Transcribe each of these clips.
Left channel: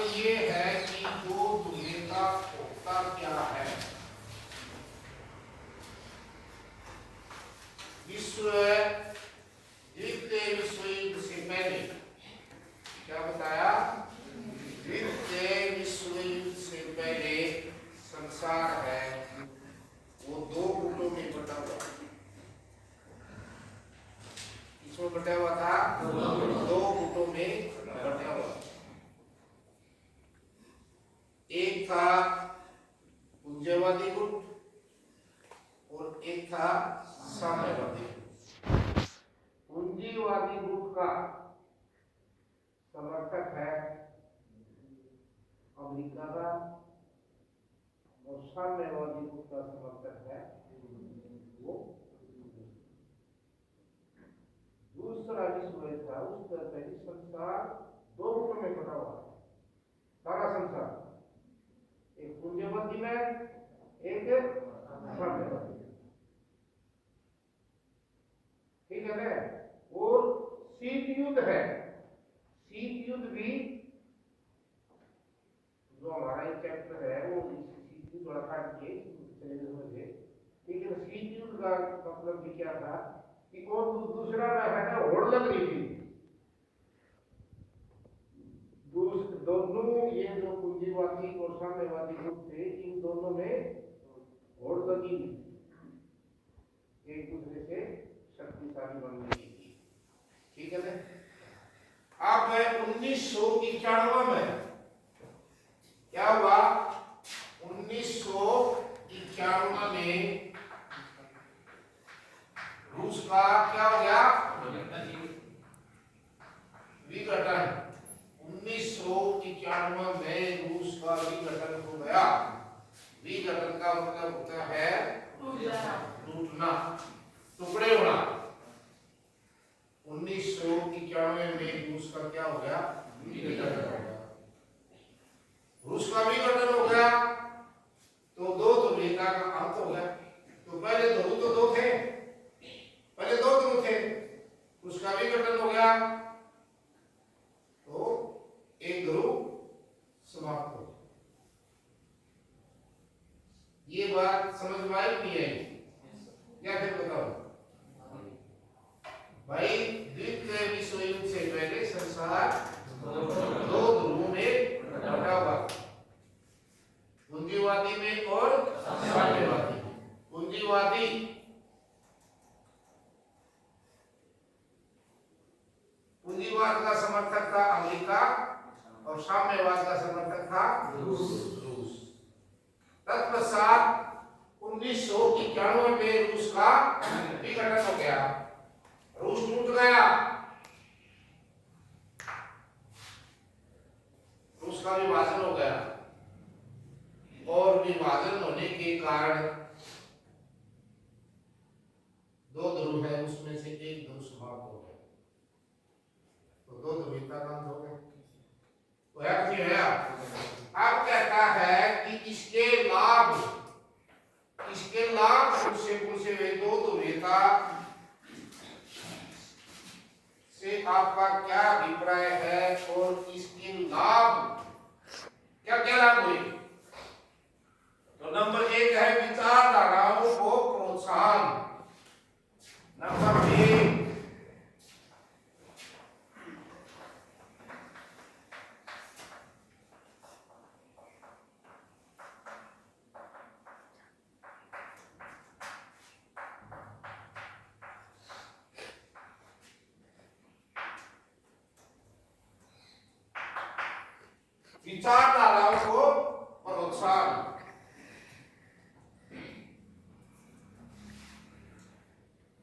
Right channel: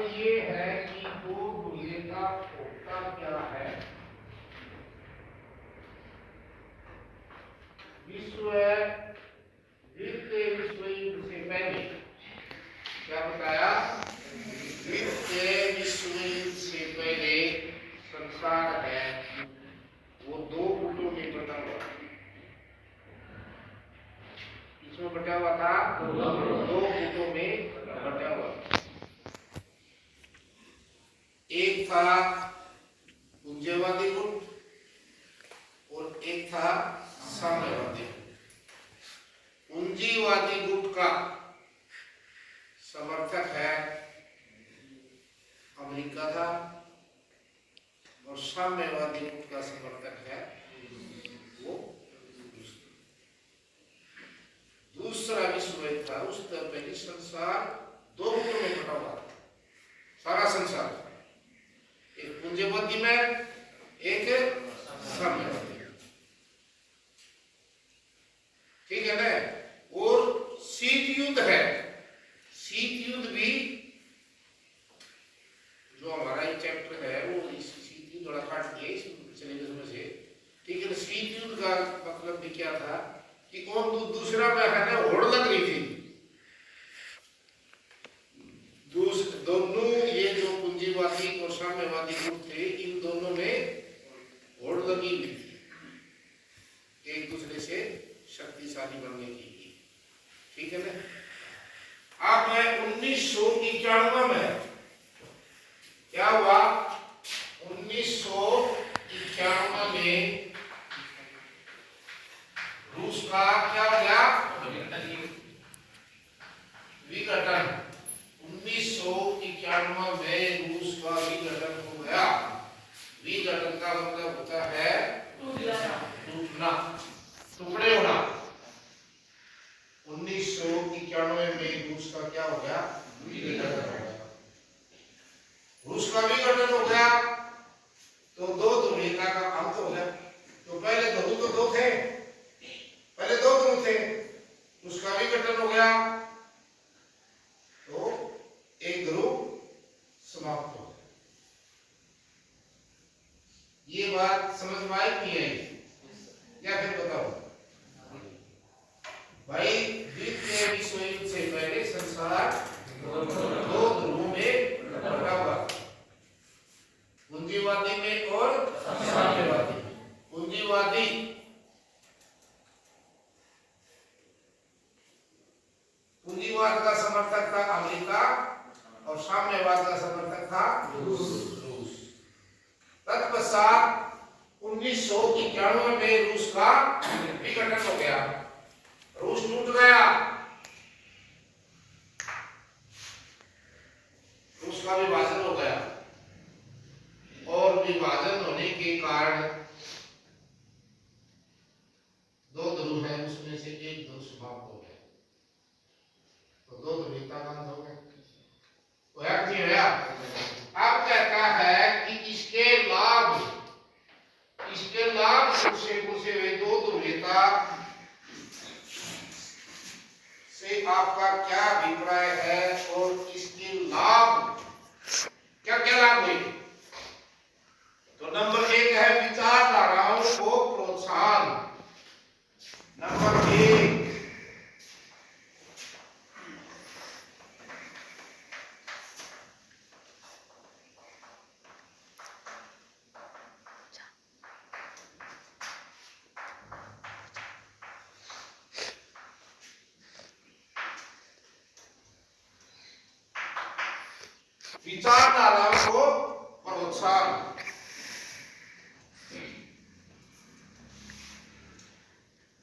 ये है कि दो ध्रुवीय का होता क्या है। विश्व द्वितीय विश्व युद्ध से पहले क्या बताया? द्वितीय विश्व युद्ध से पहले संसार है वो दो गुटों में बटा हुआ। इसमें बटा हुआ था दो गुटों में बटा हुआ। एक था पूंजवादी गुट और एक था साम्यवादी गुट। पूंजीवादी गुट का समर्थक है अमेरिका था और साम्यवादी गुट का समर्थक है वो दूसरा विश्व युद्ध था। उससे पहले संसार दो गुटों में बटा हुआ था। सारा संसार एक पूंजीवादी में एक साम्यवादी। ठीक है ना? और शीत युद्ध है। शीत युद्ध भी जो हमारा एक चैप्टर है वो इस शीत युद्ध थोड़ा काट दिया इस सिलेबस में से। ठीक है ना? शीत युद्ध का मतलब भी क्या था कि कौन दूसरा में है ना होड़ लग रही थी। दोनों ये जो पूंजीवादी और साम्यवादी गुट थे इन दोनों में होड़ लगी हुई थी एक दूसरे से शक्तिशाली बनने की। ठीक है ना? अब 1991 में क्या हुआ? 1991 में रूस का क्या हो गया? विघटन। 1991 में रूस का विघटन हो गया। विघटन का मतलब होता है टूटना, टुकड़े होना। 1991 में रूस का क्या हो गया? विघटन हो गया। रूस का विघटन हो गया तो दो ध्रुवीयता का अंत हो गया। तो पहले ध्रुव तो दो थे, पहले दो ध्रुव थे, उसका विघटन हो गया तो एक ध्रुव समाप्त हो गया। ये बात समझ में आई नहीं आई? या फिर बताओ भाई? द्वितीय विश्व युद्ध से पहले संसार दो ध्रुवों में बटा हुआ था, पूंजीवादी में और साम्यवादी। पूंजीवाद का समर्थक था अमेरिका और साम्यवाद का समर्थक था रूस। तत्पश्चात 1991 में रूस का विघटन हो गया। रूस टूट गया। रूस का विभाजन हो गया और विभाजन होने के कारण दो ध्रुव है उसमें से एक ध्रुव समाप्त हो गया। तो दो ध्रुवीयता का अंत हो गया। अब कहता है कि इसके लाभ से वे दो ध्रुवीयता से आपका क्या अभिप्राय है और इसके लाभ क्या क्या लाभ हुए? तो नंबर 1 है विचारधाराओं को प्रोत्साहन। नंबर 1 विचारधाराओं को प्रोत्साहन।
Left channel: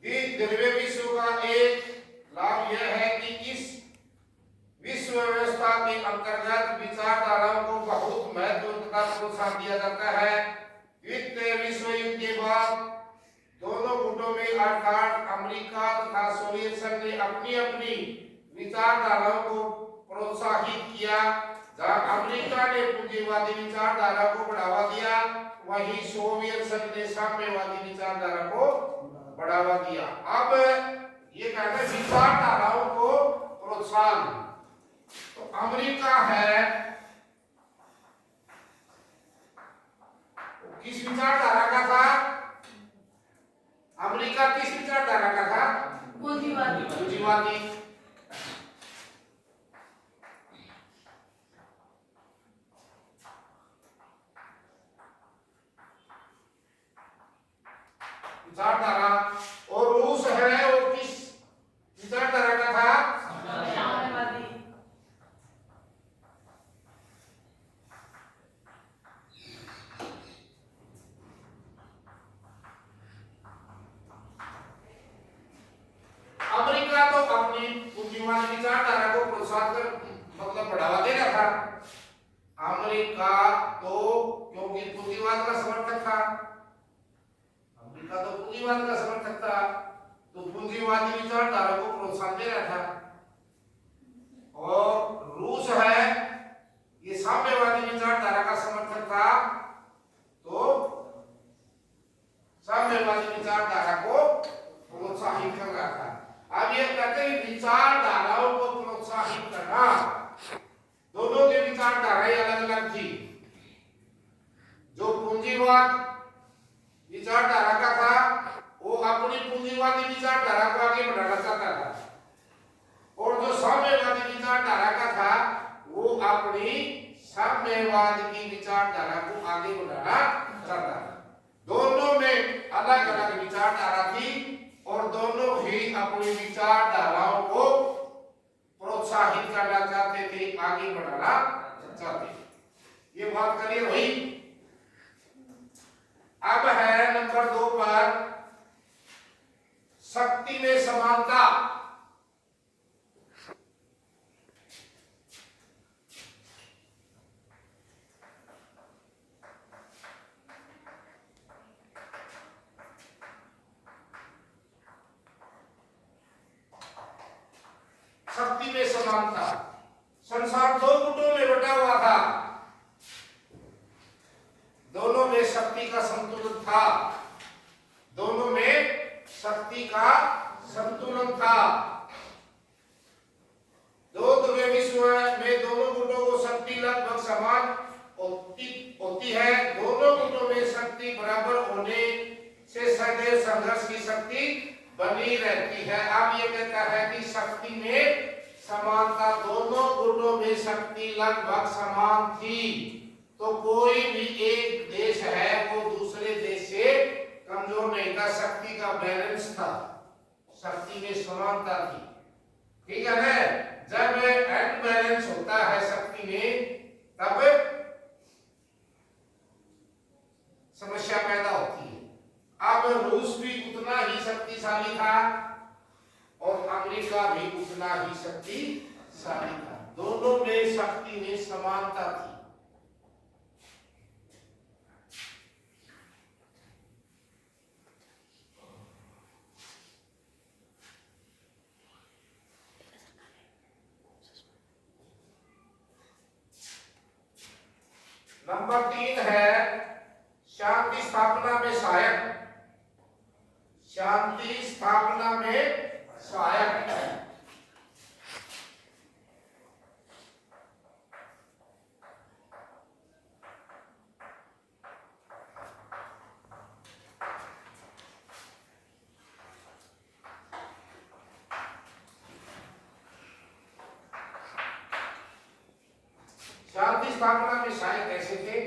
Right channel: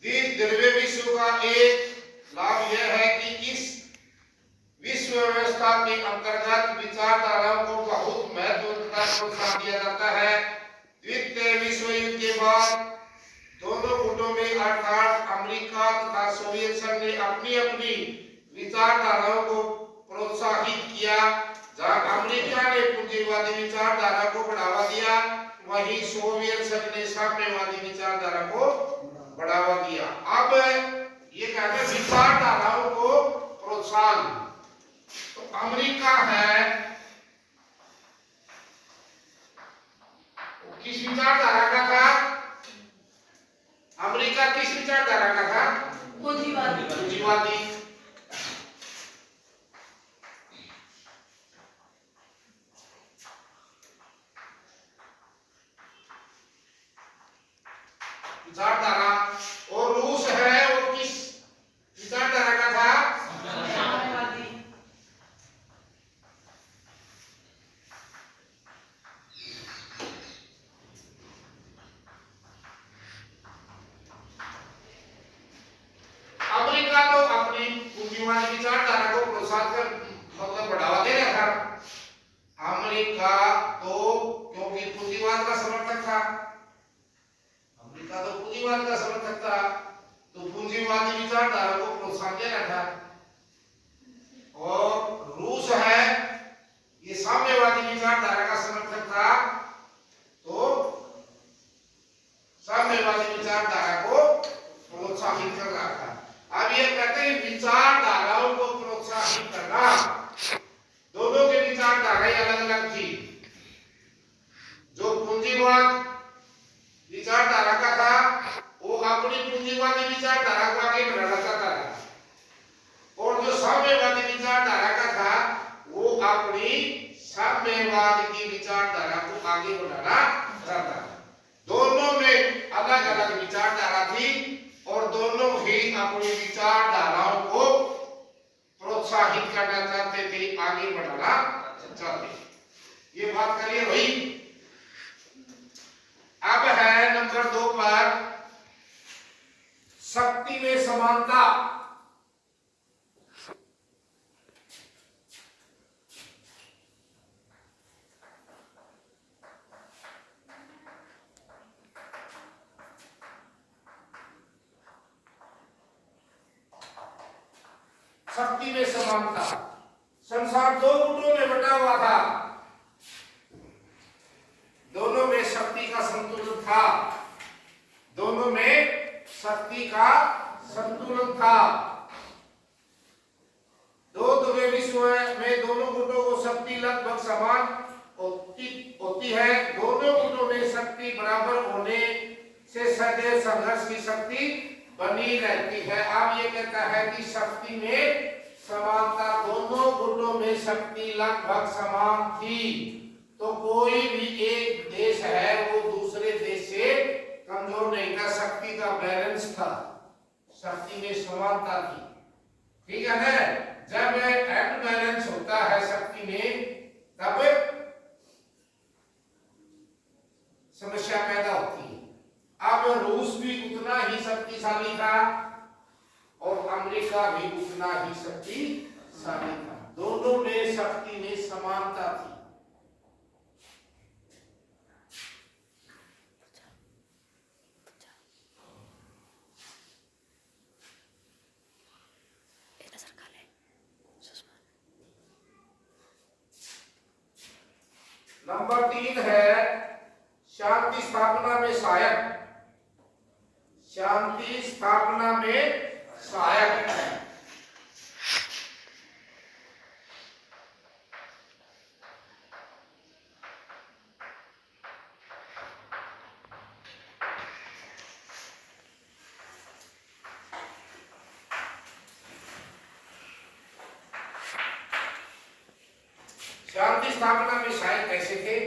द्वितीय विश्व का एक लाभ यह है कि इस विश्व व्यवस्था के अंतर्गत विचारधाराओं को बहुत महत्व तथा प्रोत्साहन दिया जाता है। द्वितीय विश्व युद्ध के बाद दोनों गुटों में अर्थात अमेरिका तथा सोवियत संघ ने अपनी अपनी विचारधाराओं को प्रोत्साहित किया। जहां अमेरिका ने पूंजीवादी विचारधारा को बढ़ावा दिया वहीं सोवियत संघ ने साम्यवादी विचारधारा को बढ़ावा दिया। अब ये कहते हैं विचारधाराओं को प्रोत्साहन। तो अमेरिका है विचारधारा, और रूस है वो किस विचारधारा का था? अमेरिका तो अपनी पूंजीवादी विचारधारा को प्रोत्साहन कर मतलब बढ़ावा दे रहा था। अमेरिका तो क्योंकि पूंजीवाद का समर्थक था, अमेरिका तो पूंजीवाद का समर्थक था, तो पूंजीवादी विचारधारा को प्रोत्साहन दे रहा था। और रूस है ये साम्यवादी विचारधारा का समर्थक था, तो साम्यवादी विचारधारा को प्रोत्साहित कर रहा था। अब ये कहते हैं विचारधाराओं को प्रोत्साहित करना, दोनों की विचारधाराएं अलग अलग थी। जो पूंजीवाद विचारधारा का था वो अपनी पूंजीवादी विचारधारा को आगे बढ़ाना चाहता था, और जो साम्यवादी विचारधारा का था वो अपनी साम्यवाद की विचारधारा को आगे बढ़ाना चाहता था। दोनों में अलग अलग विचारधारा थी और दोनों ही अपनी विचारधाराओं को प्रोत्साहित करना चाहते थे, आगे बढ़ाना चाहते थे। ये बात करिए भाई। अब है नंबर 2 पर शक्ति में समानता। शक्ति में समानता। संसार 2 गुटों में बटा हुआ था, दोनों में शक्ति का संतुलन था, दोनों में शक्ति का संतुलन था। दो ध्रुवीय विश्व में दोनों गुटों को शक्ति लगभग समान होती है। दोनों गुटों में शक्ति बराबर होने से सदैव संघर्ष की शक्ति बनी रहती है। अब ये कहता है कि शक्ति में समानता, दोनों गुटों में शक्ति लगभग समान थी, तो कोई भी एक देश है वो दूसरे देश से कमजोर नहीं था, शक्ति का बैलेंस था, शक्ति में समानता थी। ठीक है ना? जब एंड बैलेंस होता है शक्ति में तब समस्या पैदा होती है। अब रूस भी उतना ही शक्तिशाली था और अमेरिका भी उतना ही शक्तिशाली था, दोनों में शक्ति में समानता थी। नंबर 3 है शांति स्थापना में सहायक। शांति स्थापना में सहायक है। शांति स्थापना में सहायक कैसे थे?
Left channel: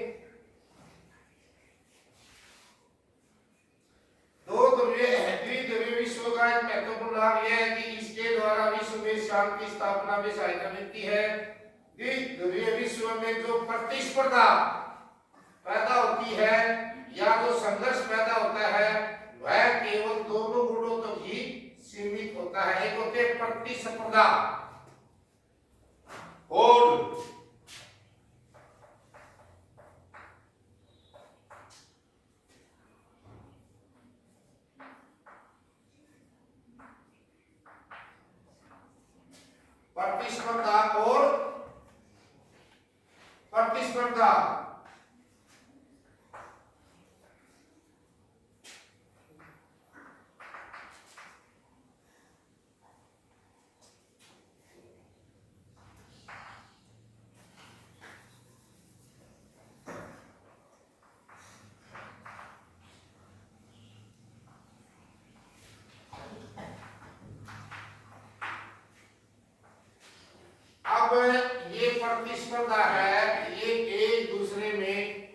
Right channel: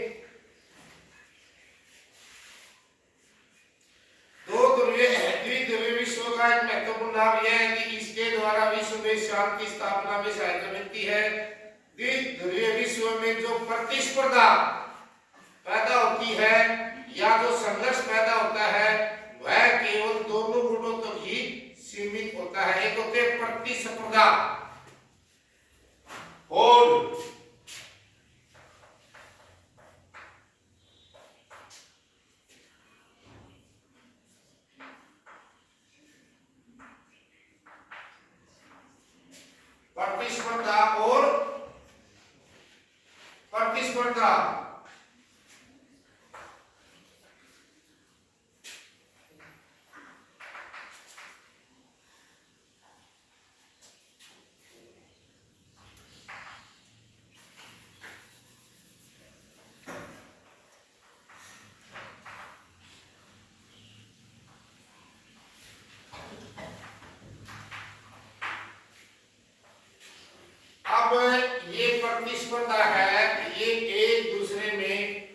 द्विध्रुवीय विश्व का एक महत्वपूर्ण लाभ यह है कि इसके द्वारा विश्व में शांति स्थापना में सहायता मिलती है। द्विध्रुवीय विश्व में जो प्रतिस्पर्धा पैदा होती है या जो संघर्ष पैदा होता है वह केवल दोनों गुटों तक ही सीमित होता है। एक होते हैं प्रतिस्पर्धा और प्रतिस्पर्धा अब ये प्रतिस्पर्धा है, ये एक दूसरे में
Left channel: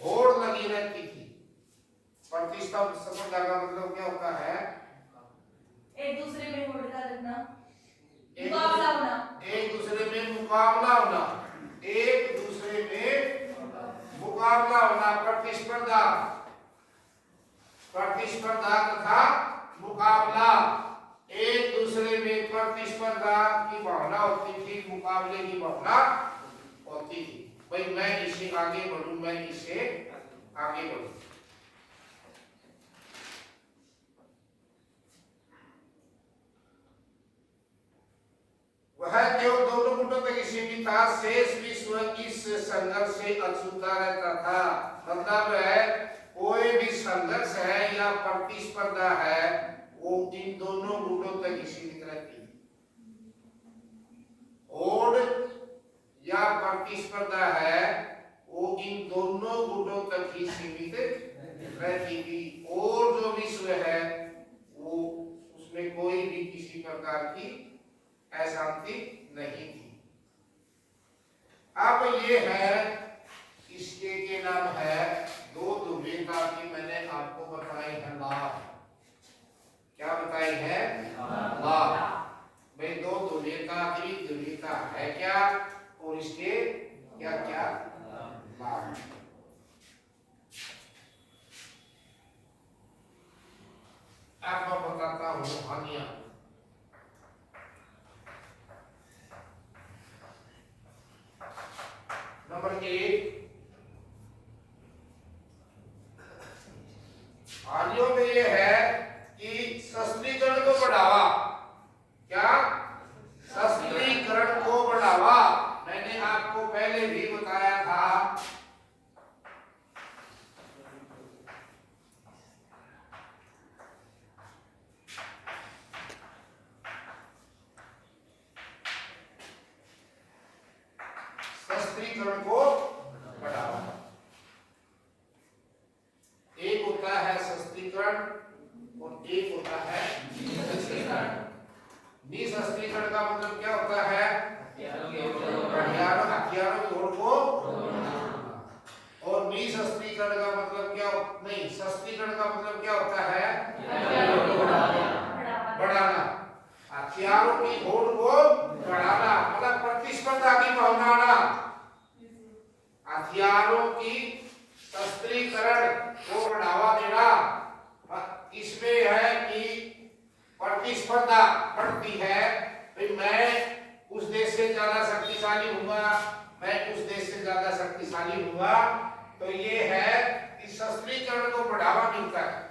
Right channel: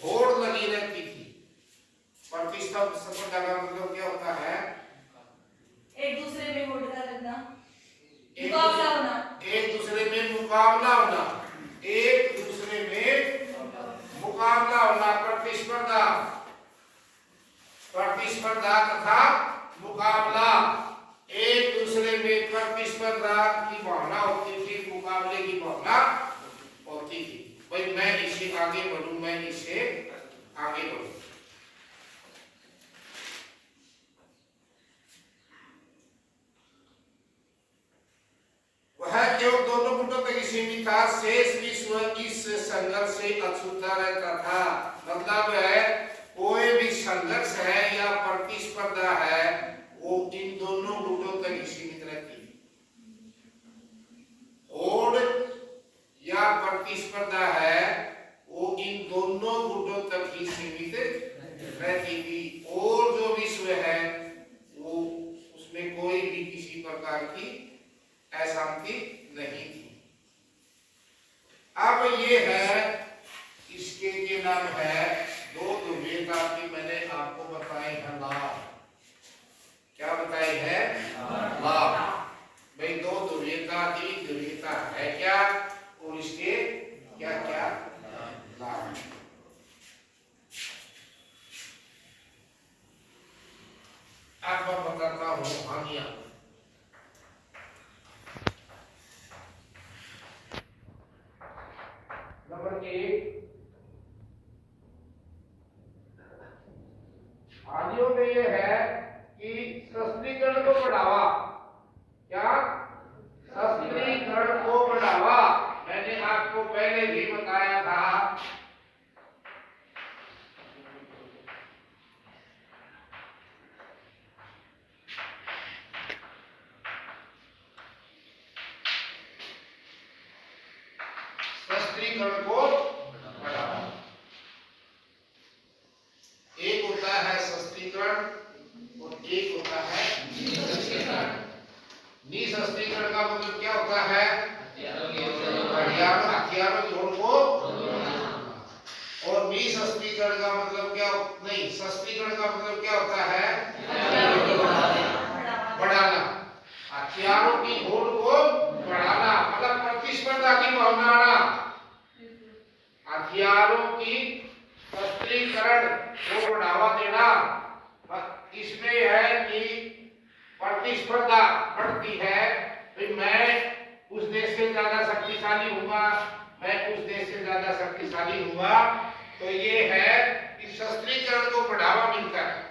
होड़ लगी रहती थी। प्रतिस्पर्धा का मतलब क्या भाई मैं इसे आगे बढ़ूं, मैं इसे आगे बढ़ूं। वह केवल दोनों गुटों तक सीमित था, शेष विश्व इस संघर्ष से अछूता रहता था। मतलब है कोई भी संघर्ष है या प्रतिस्पर्धा है वो इन दोनों गुटों तक सीमित रहती है। होड़ या प्रतिस्पर्धा है वो इन दोनों गुटों तक ही सीमित रहती थी, और जो विश्व है वो उसमें कोई भी किसी प्रकार की अशांति नहीं थी। अब ये है इसके नाम है दो ध्रुवीयता की, मैंने आपको बताई है लाभ। क्या बताई है? लाभ। भाई दो ध्रुवीयता की ध्रुवीयता है क्या और इसके क्या क्या लाभ है। अब मैं बताता हूं हानियां। नंबर 1, हानियों में यह है कि सशस्त्रीकरण को बढ़ावा। क्या? सशस्त्रीकरण को बढ़ावा। मैंने आपको पहले भी बताया था सशस्त्रीकरण को बढ़ावा। एक होता है सशस्त्रीकरण और एक होता है निःशस्त्रीकरण। निःशस्त्रीकरण का मतलब क्या होता है? हथियारों की होड़ को, और निःशस्त्रीकरण का मतलब क्या? नहीं, शस्त्रीकरण का मतलब क्या होता है? बढ़ाना। हथियारों की होड़ को बढ़ाना मतलब प्रतिस्पर्धा की भावना आना। हथियारों की शस्त्रीकरण को बढ़ावा देना, इसमें है कि प्रतिस्पर्धा बढ़ती है। फिर मैं उस देश से ज्यादा शक्तिशाली हूँगा, मैं उस देश से ज्यादा शक्तिशाली हूँगा, तो ये है कि शस्त्रीकरण को बढ़ावा मिलता है।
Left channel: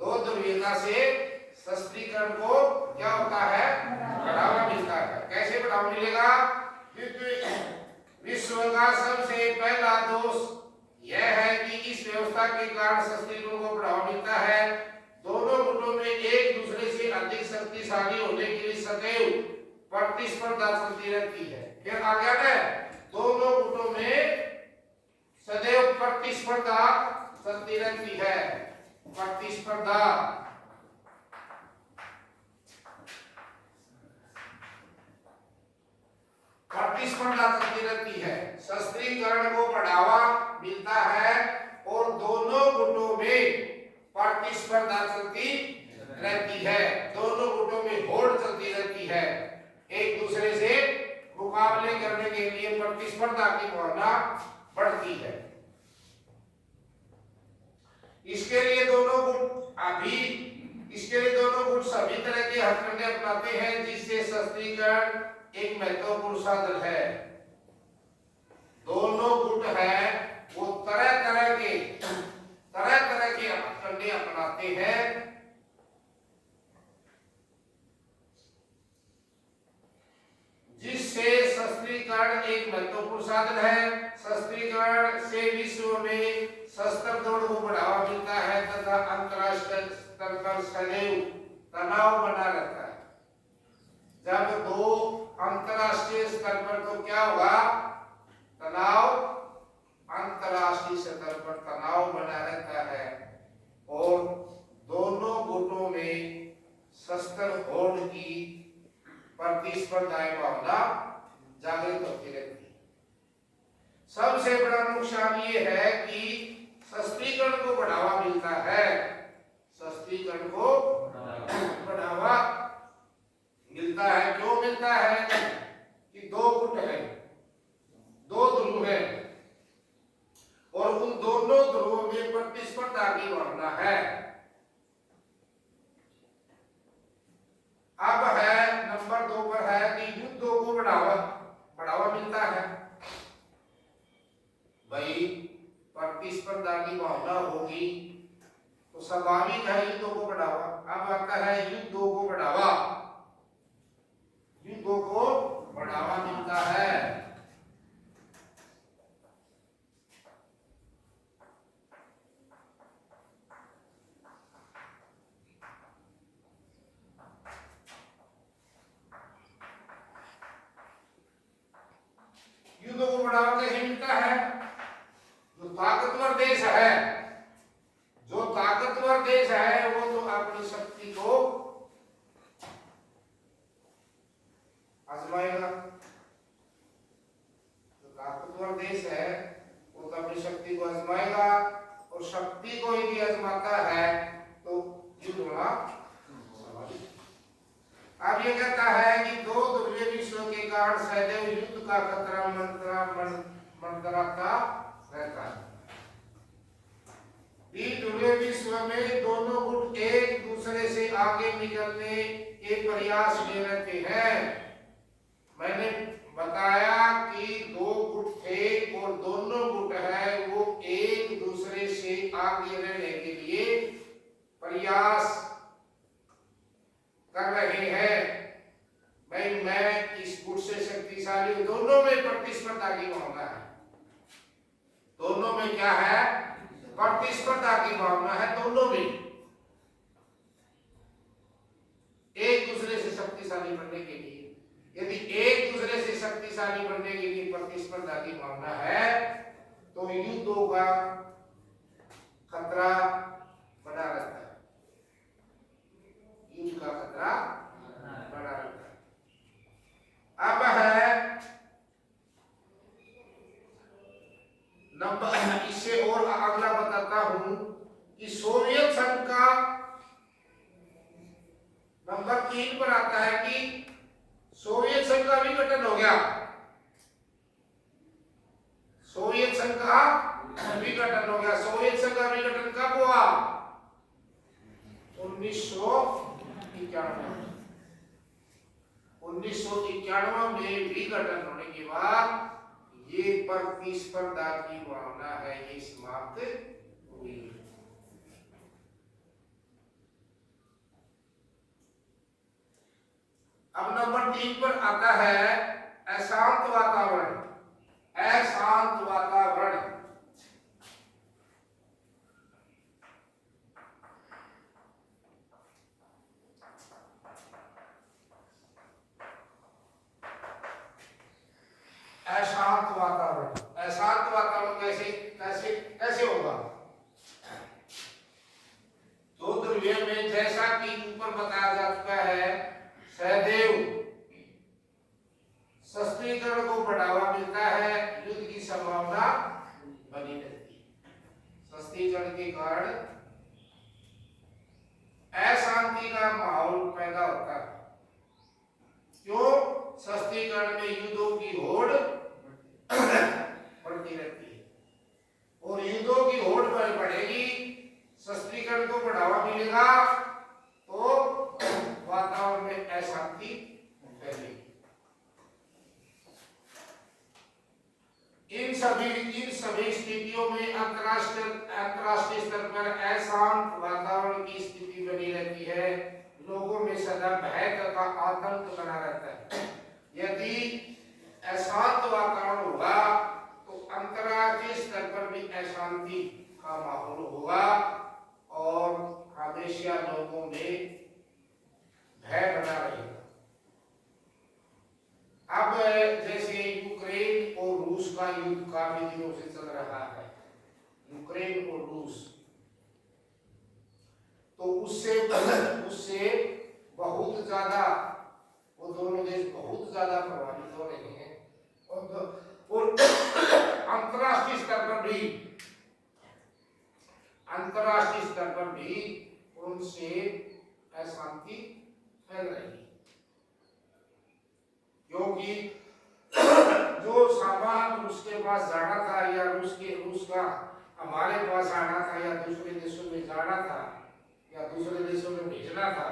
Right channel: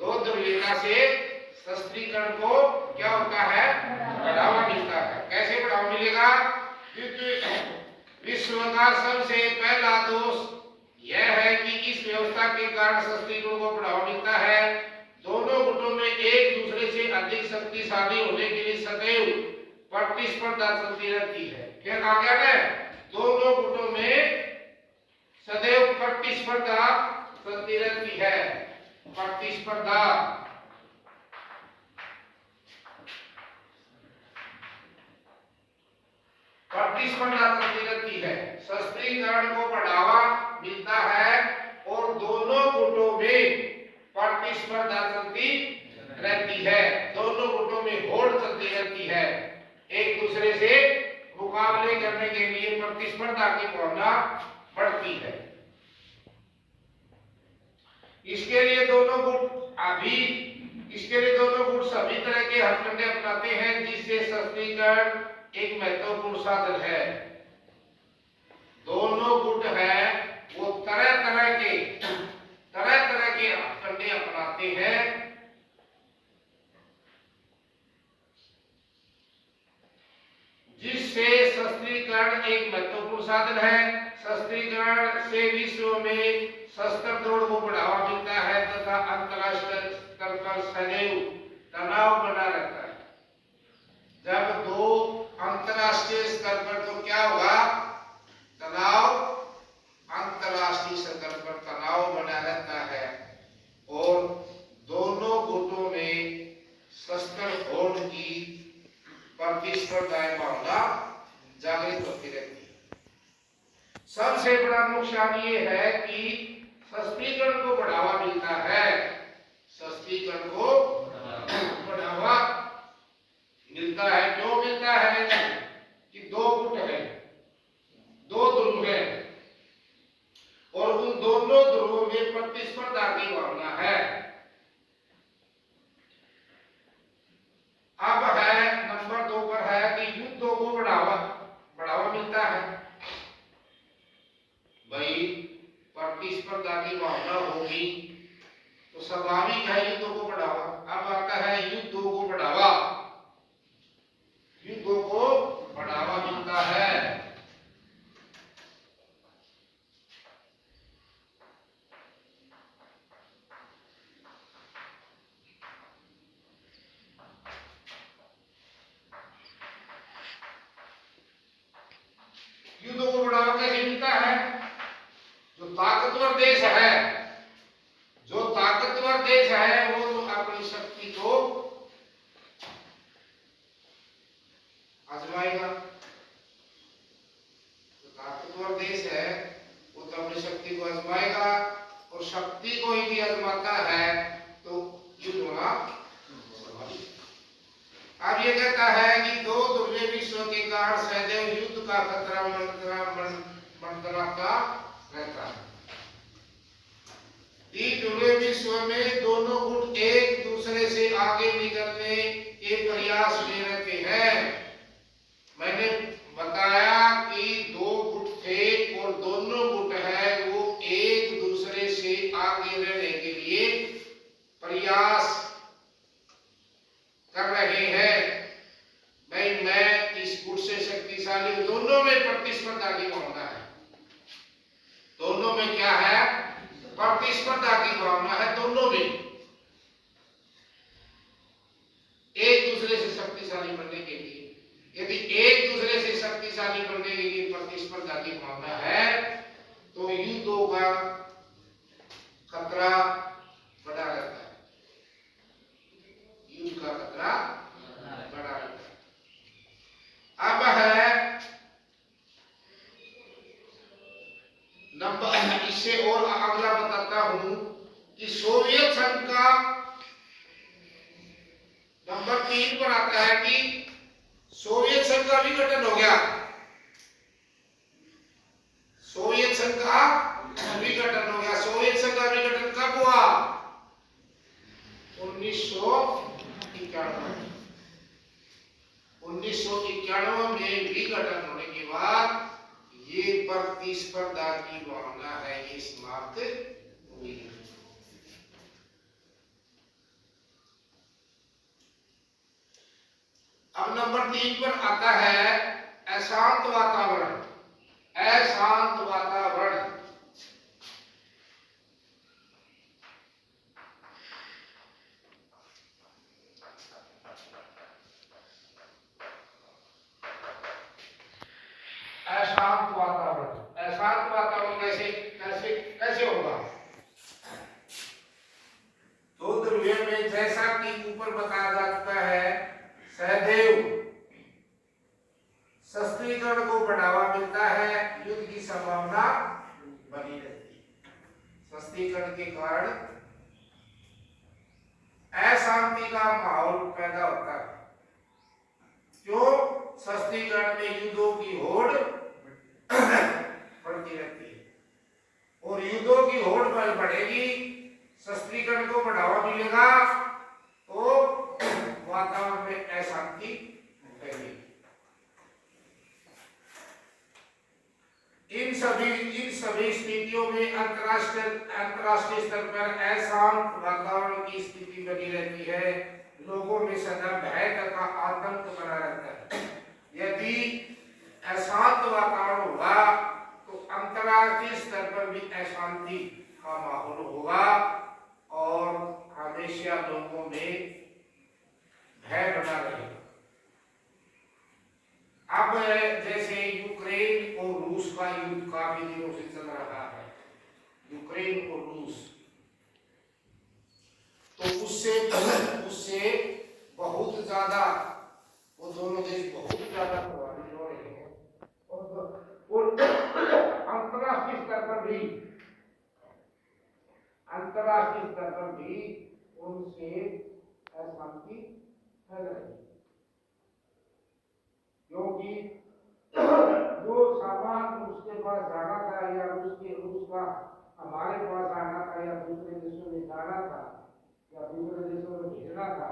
दो ध्रुवीयता से शस्त्रीकरण को क्या होता है? बढ़ावा मिलता है। कैसे बढ़ावा मिलेगा? क्योंकि विश्व का सबसे पहला दोष यह है कि इस व्यवस्था के कारण शस्त्रीकरण को बढ़ावा मिलता है। दोनों गुटों में एक दूसरे से अधिक शक्तिशाली होने के लिए सदैव प्रतिस्पर्धा चलती रहती है। क्या आ गया ना? दोनों गुटों में सदैव प्रतिस्पर्धा चलती रहती है। प्रतिस्पर्धा प्रतिस्पर्धा चलती रहती है। शस्त्रीकरण को बढ़ावा मिलता है और दोनों गुटों में प्रतिस्पर्धा चलती रहती है। दोनों गुटों में होड़ चलती रहती है। एक दूसरे से मुकाबले करने के लिए प्रतिस्पर्धा की भावना बढ़ती है। इसके लिए दोनों गुट सभी तरह के हथकंडे अपनाते हैं, जिससे शस्त्रीकरण एक महत्वपूर्ण साधन है। दोनों गुट है वो तरह तरह के हथकंडे अपनाते हैं, जिससे शस्त्रीकरण एक महत्वपूर्ण साधन है। शस्त्रीकरण से विश्व में शस्त्र दौड़ को बढ़ावा मिलता है तथा अंतरराष्ट्रीय स्तर पर सदैव तनाव बना रहता है। जब दो अंतरराष्ट्रीय स्तर पर तो क्या होगा? तनाव, अंतरराष्ट्रीय स्तर पर तनाव बना रहता है और दोनों गुटों में शस्त्र होड़ की प्रतिस्पर्धाएं भावना जागृत होती रहती है। सबसे बड़ा नुकसान ये है कि शस्त्रीकरण को बढ़ावा मिलता है। शस्त्रीकरण को बढ़ावा मिलता है। क्यों मिलता है? कि दो गुट है, दो ध्रुव है और उन दोनों ध्रुवों में प्रतिस्पर्धा की भावना है। अब है नंबर 2 पर है कि युद्धों को बढ़ावा मिलता है। भाई प्रतिस्पर्धा की भावना होगी तो स्वाभाविक है युद्धों को बढ़ावा। अब आता है युद्धों को बढ़ावा, युद्धों को बढ़ावा मिलता है। युद्धों को बढ़ावा कैसे मिलता है? जो ताकतवर देश है, जो ताकतवर देश है वो तो अपनी शक्ति को आजमाएगा। जो ताकतवर देश है वो तो अपनी शक्ति को आजमाएगा, और शक्ति को यदि आजमाता है तो युद्ध होना स्वाभाविक है। अब ये कहता है कि दो ध्रुवीय विश्व के कारण सदैव युद्ध का खतरा मंडराता रहता है। ध्रुवीय विश्व में दोनों गुट एक दूसरे से आगे निकलने के प्रयास में रहते हैं। मैंने बताया कि दो गुट थे और दोनों गुट है वो एक दूसरे से आगे रहने के लिए प्रयास कर रहे हैं। भाई मैं इस गुट से शक्तिशाली हूं, दोनों में प्रतिस्पर्धा की भावना है। दोनों में क्या है? प्रतिस्पर्धा की भावना है। दोनों में एक दूसरे से शक्तिशाली बनने के लिए, यदि एक दूसरे से शक्तिशाली बनने के लिए प्रतिस्पर्धा की भावना है तो युद्धों का खतरा बड़ा रहता है। युद्ध का खतरा बड़ा रहता है। अब है नंबर, इससे और अगला बताता हूं कि सोवियत संघ का नंबर 3 पर आता है कि सोवियत संघ का विघटन हो गया। सोवियत संघ का विघटन हो गया। सोवियत संघ का विघटन कब हुआ? 1991। 1991 में विघटन होने के बाद ये प्रतिस्पर्धा की भावना है ये समाप्त हुई। अब नंबर 3 पर आता है अशांत वातावरण। अशांत वातावरण अशांत वातावरण, अशांत वातावरण कैसे कैसे कैसे होगा? दो ध्रुवीय में जैसा कि ऊपर बताया जा चुका है, सदैव शस्त्रीकरण को बढ़ावा मिलता है, युद्ध की संभावना बनी रहती है। शस्त्रीकरण के कारण अशांति का माहौल पैदा होता है। क्यों? शस्त्रीकरण में युद्धों की होड़ बढ़ती रहती है, और युद्धों की होड़ पर बढ़ेगी, शस्त्रीकरण को बढ़ावा मिलेगा तो वातावरण में अशांति फैलेगी। इन सभी स्थितियों में अंतरराष्ट्रीय स्तर पर अशांत वातावरण की स्थिति बनी रहती है। लोगों में सदा भय तथा आतंक बना रहता है। यदि अशांत वातावरण होगा तो अंतरराष्ट्रीय स्तर पर भी अशांति का माहौल होगा और हमेशा लोगों में भय बना रहेगा। अब जैसे यूक्रेन और रूस का युद्ध काफी दिनों से चल रहा है, यूक्रेन और रूस, तो उससे बहुत ज्यादा वो दोनों देश बहुत ज्यादा प्रभावित हो रहे हैं, और अंतरराष्ट्रीय स्तर पर भी उनसे अशांति फैल रही है। क्योंकि जो सामान उसके पास जाना था या रूस का हमारे पास आना था या दूसरे देशों में जाना था या दूसरे देशों में भेजना था,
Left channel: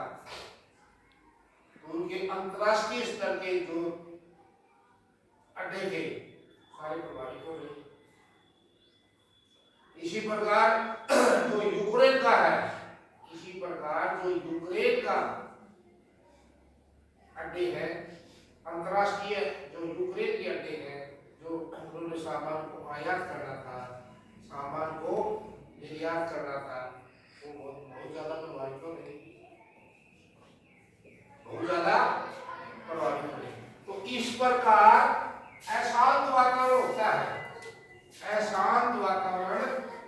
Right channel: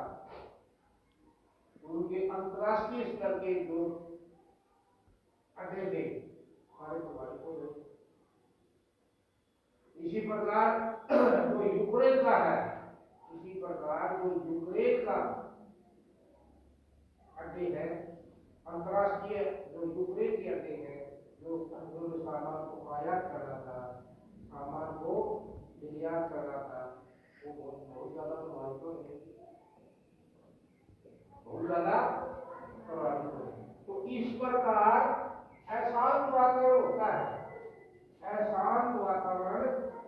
तो उनके अंतरराष्ट्रीय स्तर के जो अड्डे थे सारे प्रभावित हो रहे। इसी प्रकार जो यूक्रेन का है, इसी प्रकार जो यूक्रेन का अड्डे है, अंतरराष्ट्रीय जो यूक्रेन के अड्डे हैं, जो उन्होंने सामान को आयात करना था, सामान को निर्यात करना था, वो बहुत ज्यादा प्रभावित हो रहे, बहुत ज्यादा प्रभावित हो रहे। तो इस प्रकार अशांत वातावरण होता है, अशांत वातावरण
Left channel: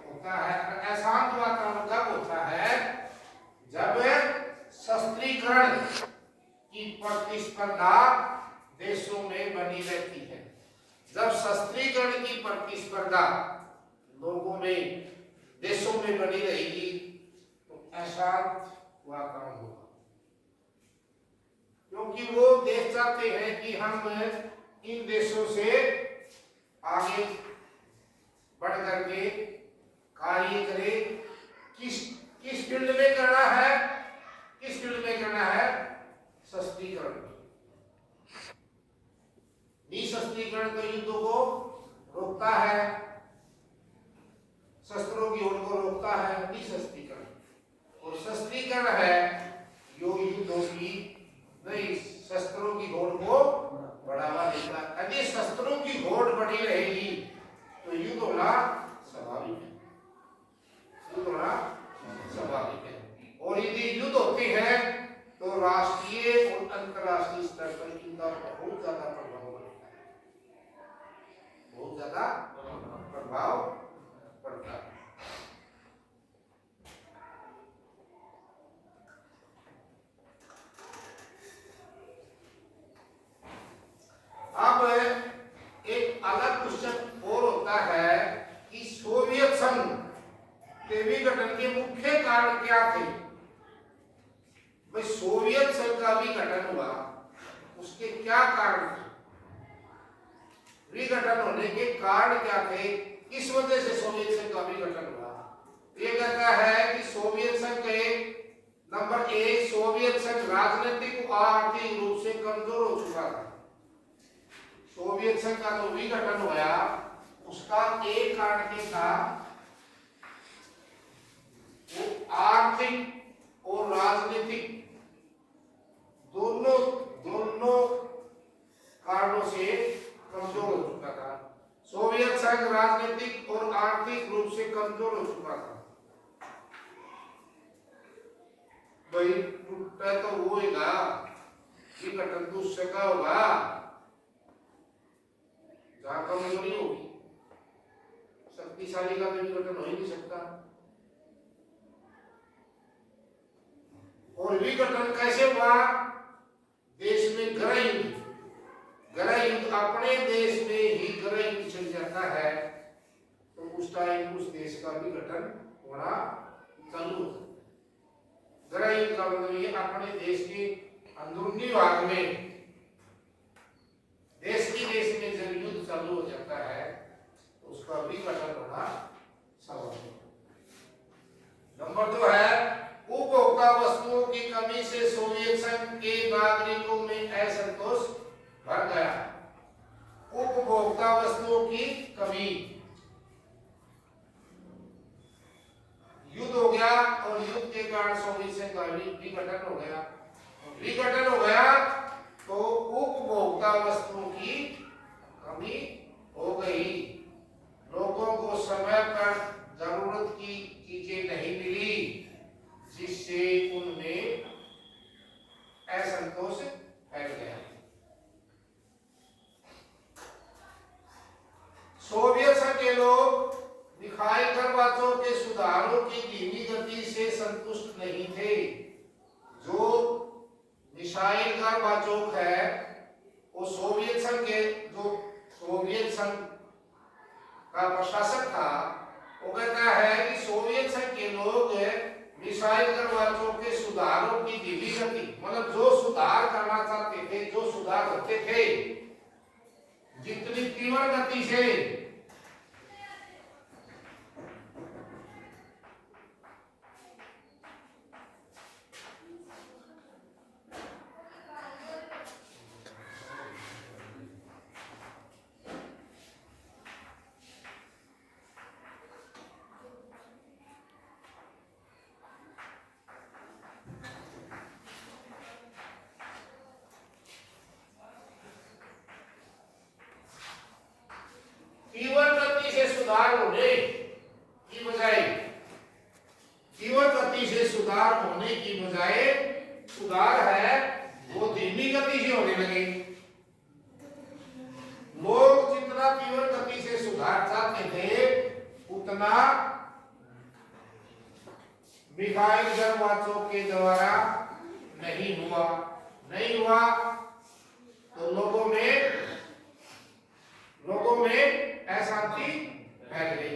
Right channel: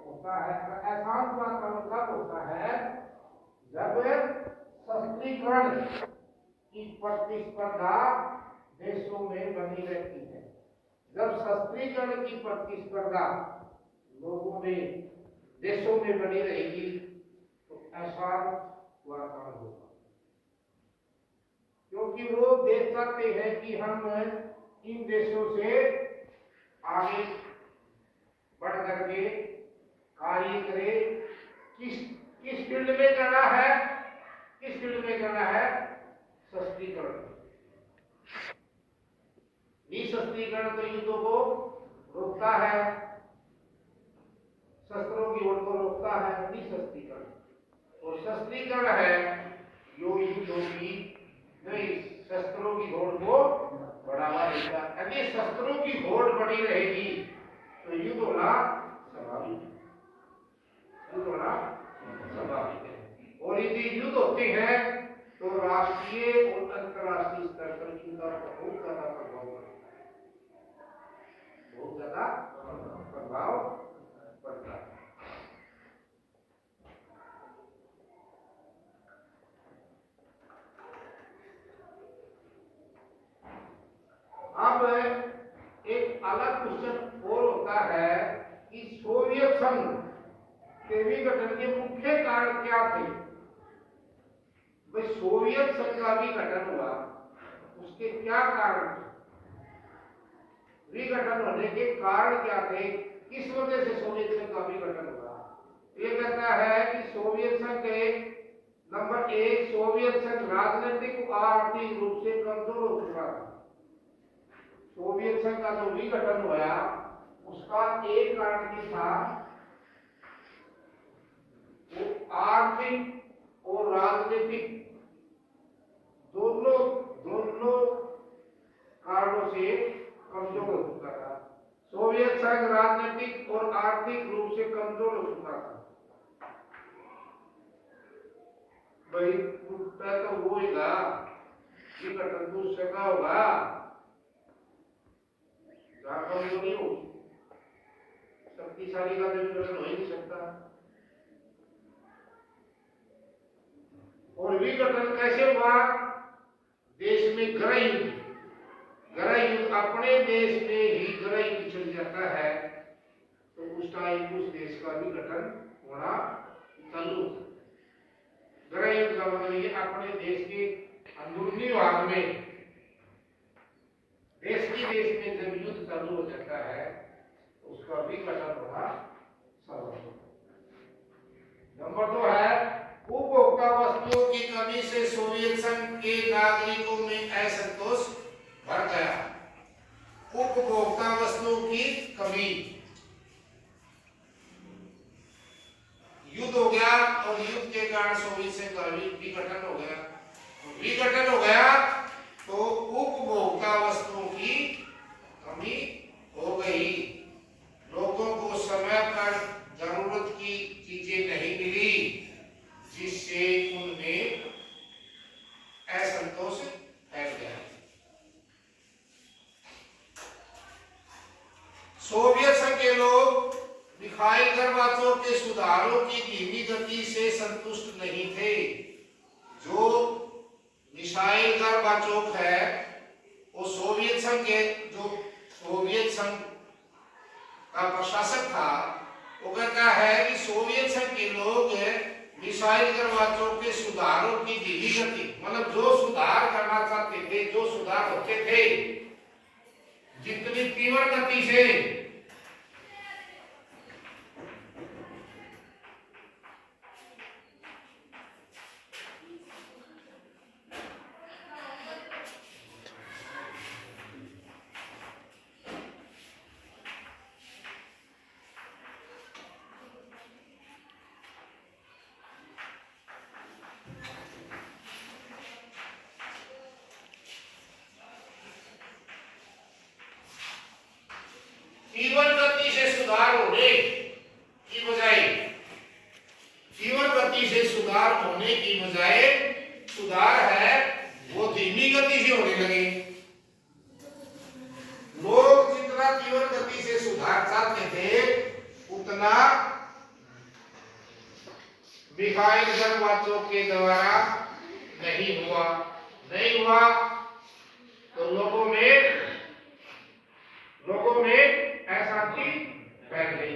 होता है। अशांत वातावरण कब होता है? जब शस्त्रीकरण की प्रतिस्पर्धा देशों में बनी रहती है। जब शस्त्रीकरण की प्रतिस्पर्धा लोगों में, देशों में बनी रहेगी तो अशांत वातावरण होगा, क्योंकि वो देश चाहते हैं कि हम इन देशों से आगे बढ़ करके कार्य करें। किस फील्ड में करना है? किस फील्ड में करना है? शस्त्रीकरण। निशस्त्रीकरण तो युद्धों को रोकता है, शस्त्रों की होड़ को रोकता है निशस्त्रीकरण, और शस्त्रीकरण है जो युद्धों की नहीं, शस्त्रों की होड़ को बढ़ावा देता है। यदि शस्त्रों की होड़ बढ़ी रहेगी तो युद्ध होना स्वाभाविक है, युद्ध होना स्वाभाविक है। और यदि युद्ध होते हैं तो राष्ट्रीय और अंतरराष्ट्रीय स्तर पर इनका बहुत ज्यादा प्रभाव पड़ता है, बहुत ज्यादा प्रभाव पड़ता है। अब एक अलग क्वेश्चन और होता है कि सोवियत संघ के विघटन के मुख्य कारण क्या थे? भाई सोवियत संघ का विघटन हुआ, उसके क्या कारण थे? विघटन होने के कारण क्या थे? किस वजह से सोवियत संघ का विघटन हुआ? ये कहता है कि सोवियत संघ के नंबर 1, सोवियत संघ राजनीतिक और आर्थिक रूप से कमजोर हो चुका था। सोवियत संघ का जो विघटन हुआ उसका एक कारण ये था, वो आर्थिक और राजनीतिक दोनों कारणों से कमजोर हो चुका था। सोवियत संघ राजनीतिक और आर्थिक रूप से कमजोर हो चुका था। भाई टूटा तो वो होगा, विघटन तो उससे का होगा जहां कमजोरी होगी, शक्तिशाली का विघटन हो ही नहीं सकता। और विघटन कैसे हुआ? देश में गृह युद्ध, गृह युद्ध अपने देश में ही गृह युद्ध चल जाता है तो उस टाइम उस देश का विघटन होना चालू हो सकता है। गृह युद्ध का मतलब अपने देश के अंदरूनी भाग में, देश में जब युद्ध चालू हो जाता है तो उसका विघटन होना संभव है। नंबर 2 है उपभोक्ता वस्तुओं की कमी से सोवियत संघ के नागरिकों में असंतोष भर गया। उपभोक्ता वस्तुओं की कमी, युद्ध हो गया और युद्ध के कारण सोवियत संघ का विघटन हो गया। विघटन हो गया तो उपभोक्ता वस्तुओं की कमी हो गई, लोगों को समय पर जरूरत की चीजें नहीं मिली, जिससे उनमें असंतोष फैल गया। सोवियत संघ के लोग मिखाइल गोर्बाचोव के सुधारों की धीमी गति से संतुष्ट नहीं थे। जो मिखाइल गोर्बाचोव है वो सोवियत संघ के, जो सोवियत संघ का प्रशासक था, वो कहता है कि सोवियत संघ के लोग मिखाइल गोर्बाचोव के सुधारों की धीमी गति, मतलब जो सुधार करना चाहते थे, जो सुधार होते थे, जितनी तीव्र गति से जीवन गति से सुधार होने की बजाय जीवन गति से सुधार होने की बजाय सुधार है वो धीमी गति से होने लगे। लोग जितना जीवन गति से सुधार चाहते थे उतना मिखाइल गर्मवाचों के द्वारा नहीं हुआ तो लोगों में अशांति फैल गई।